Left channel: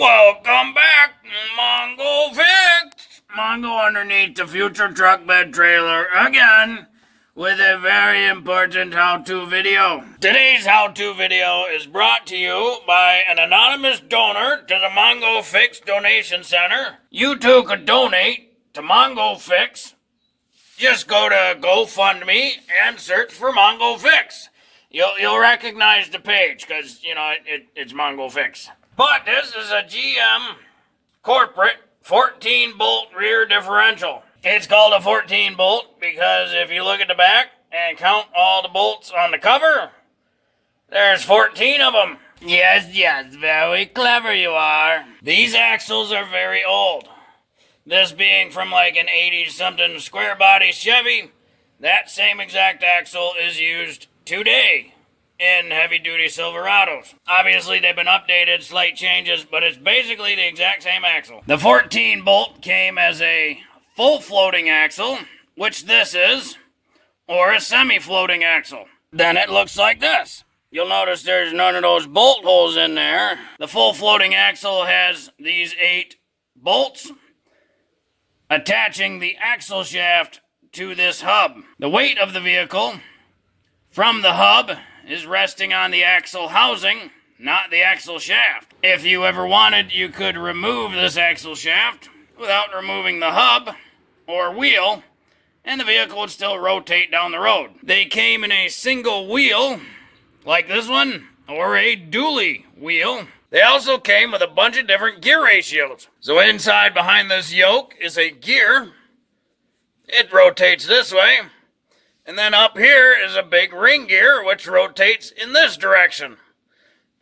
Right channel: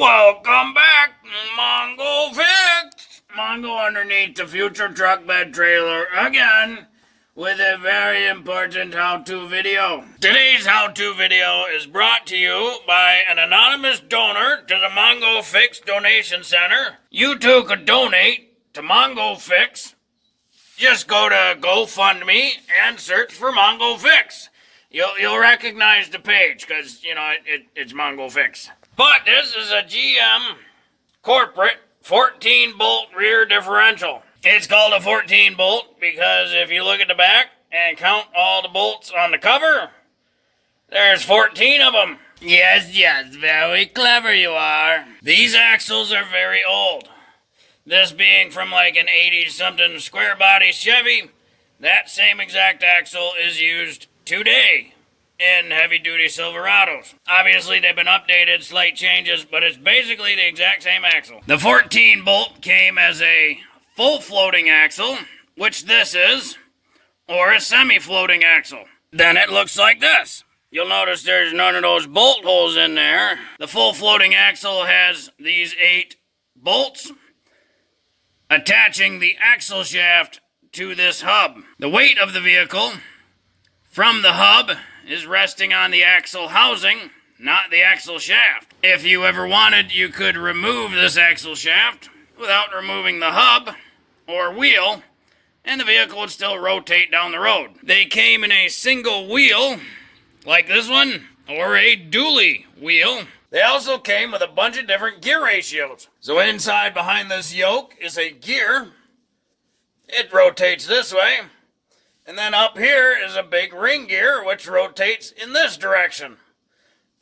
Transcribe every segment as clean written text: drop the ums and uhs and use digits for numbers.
Welcome back, Mongo Fix! Mongo underneath the future truck bed trailer again with a very important how-to video. Today's how-to video is brought to you by an anonymous donor to the Mongo Fix Donation Center. You too could donate to Mongo Fix. Just go to GoFundMe and search for Mongo Fix. You'll recognize the page because, you know, it's Mongo Fix. But this is a GM corporate 14-bolt rear differential. It's called a 14-bolt because if you look at the back and count all the bolts on the cover, there's 14 of them. Yes, very clever you are. These axles are very old. This being from like an 80-something square body Chevy, that same exact axle is used today in heavy-duty Silverados. Obviously, they've been updated, slight changes, but it's basically the exact same axle. The 14-bolt came as a full floating axle, which this is, or a semi-floating axle. Then it looks like this. You'll notice there's none of those bolt holes in there. The full floating axle has these 8 bolts attaching the axle shaft to this hub. The weight of the vehicle from the hub is resting on the axle housing, not the axle shaft. If you ever wanted, you could remove this axle shaft without removing the hub or wheel, and the vehicle would still rotate down the road. They came in a single wheel, like this one, or a dually wheel. They also came with a bunch of different gear ratios. So inside behind this yoke is a gear. It rotates this way. And then up here is a big ring gear, which rotates in this direction.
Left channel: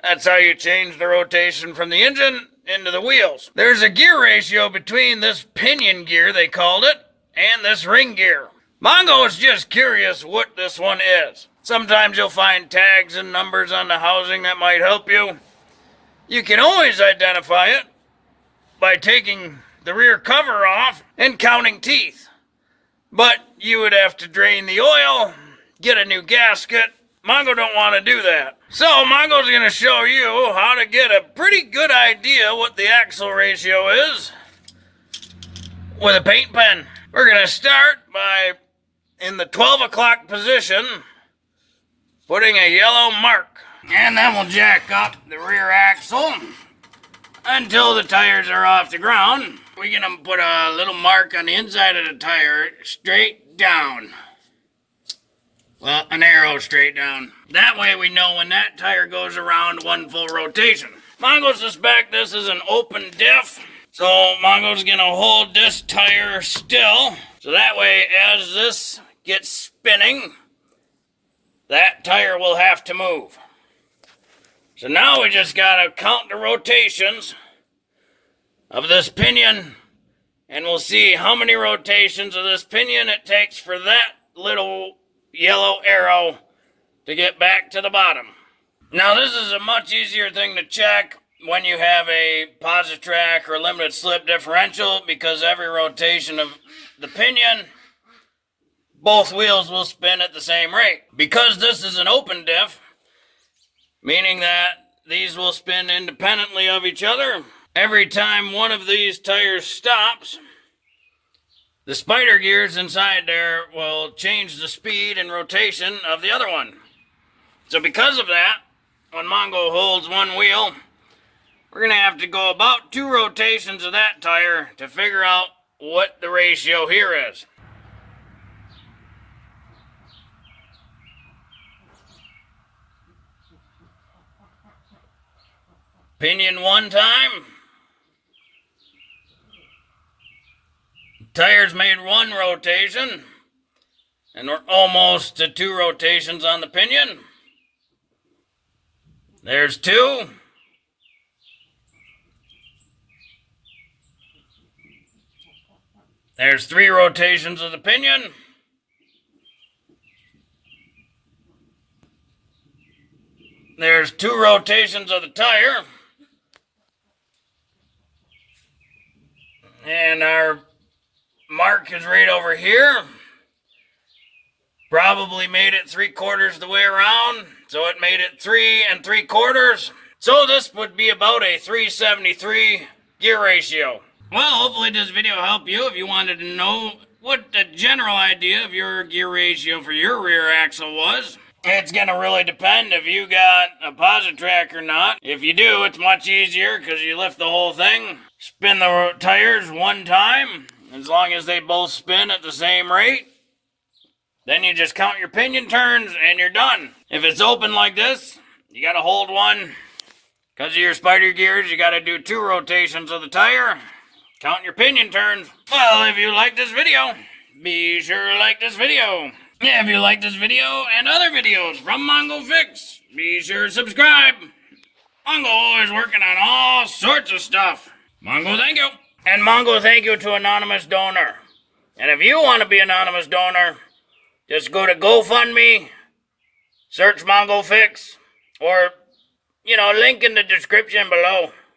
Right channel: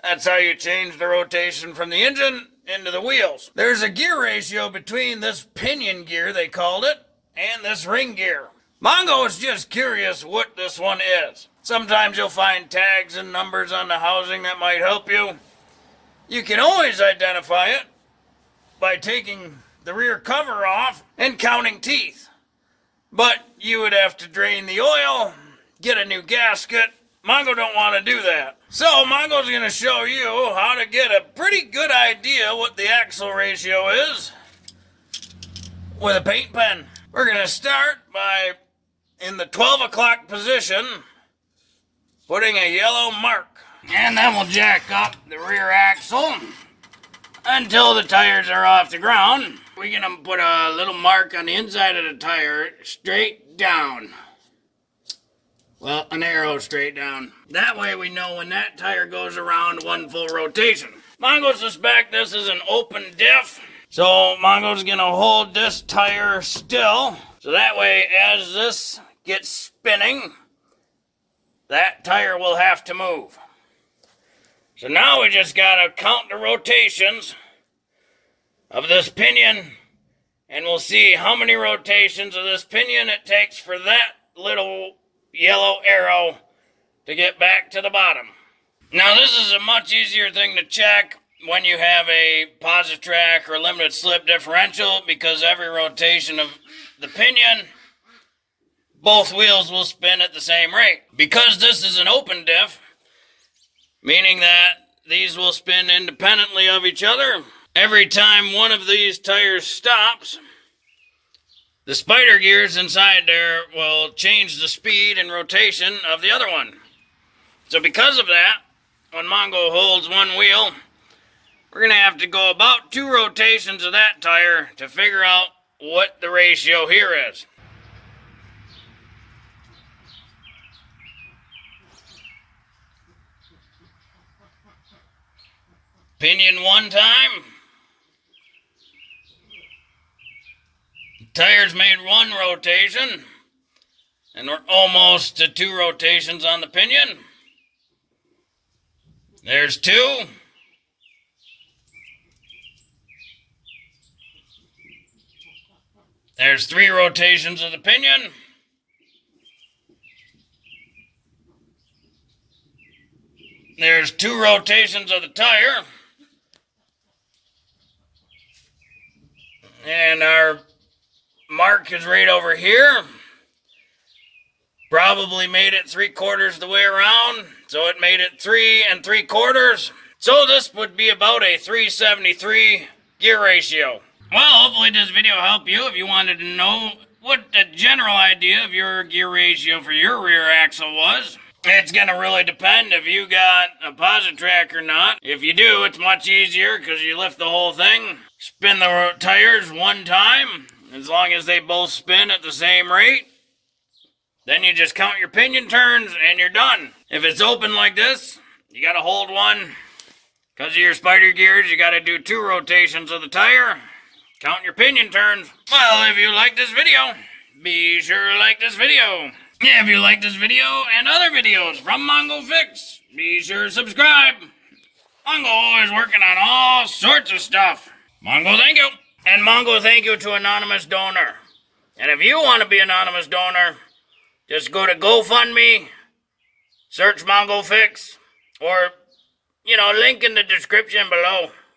That's how you change the rotation from the engine into the wheels. There's a gear ratio between this pinion gear, they called it, and this ring gear. Mongo is just curious what this one is. Sometimes you'll find tags and numbers on the housing that might help you. You can always identify it by taking the rear cover off and counting teeth. But you would have to drain the oil, get a new gasket. Mongo don't want to do that. So Mongo's going to show you how to get a pretty good idea what the axle ratio is with a paint pen. We're going to start by, in the 12 o'clock position, putting a yellow mark. And then we'll jack up the rear axle until the tires are off the ground. We're going to put a little mark on the inside of the tire straight down. Well, an arrow straight down. That way we know when that tire goes around one full rotation. Mongo suspect this is an open diff. So Mongo's going to hold this tire still. So that way as this gets spinning, that tire will have to move. So now we just got to count the rotations of this pinion, and we'll see how many rotations of this pinion it takes for that little yellow arrow to get back to the bottom. Now this is a much easier thing to check when you have a posi-trac or limited slip differential, because every rotation of the pinion, both wheels will spin at the same rate. Because this is an open diff, meaning that these will spin independently of each other, every time one of these tires stops, the spider gears inside there will change the speed and rotation of the other one. So because of that, when Mongo holds one wheel, we're going to have to go about 2 rotations of that tire to figure out what the ratio here is. Pinion 1 time. Tires made 1 rotation, and we're almost to 2 rotations on the pinion. There's 2. There's 3 rotations of the pinion. There's 2 rotations of the tire. And our mark is right over here. Probably made it 3/4 the way around, so it made it 3 3/4. So this would be about a 373 gear ratio. Well, hopefully this video helped you if you wanted to know what the general idea of your gear ratio for your rear axle was. It's gonna really depend if you got a posi-trac or not. If you do, it's much easier because you lift the whole thing, spin the tires one time, as long as they both spin at the same rate. Then you just count your pinion turns and you're done. If it's open like this, you gotta hold one. Because of your spider gears, you gotta do 2 rotations of the tire. Count your pinion turns. Well, if you like this video, be sure to like this video. Yeah, if you like this video and other videos from Mongo Fix, be sure to subscribe. Mongo always working on all sorts of stuff. Mongo, thank you. And Mongo, thank you to Anonymous Donor. And if you want to be Anonymous Donor, just go to GoFundMe, search Mongo Fix, or, link in the description below.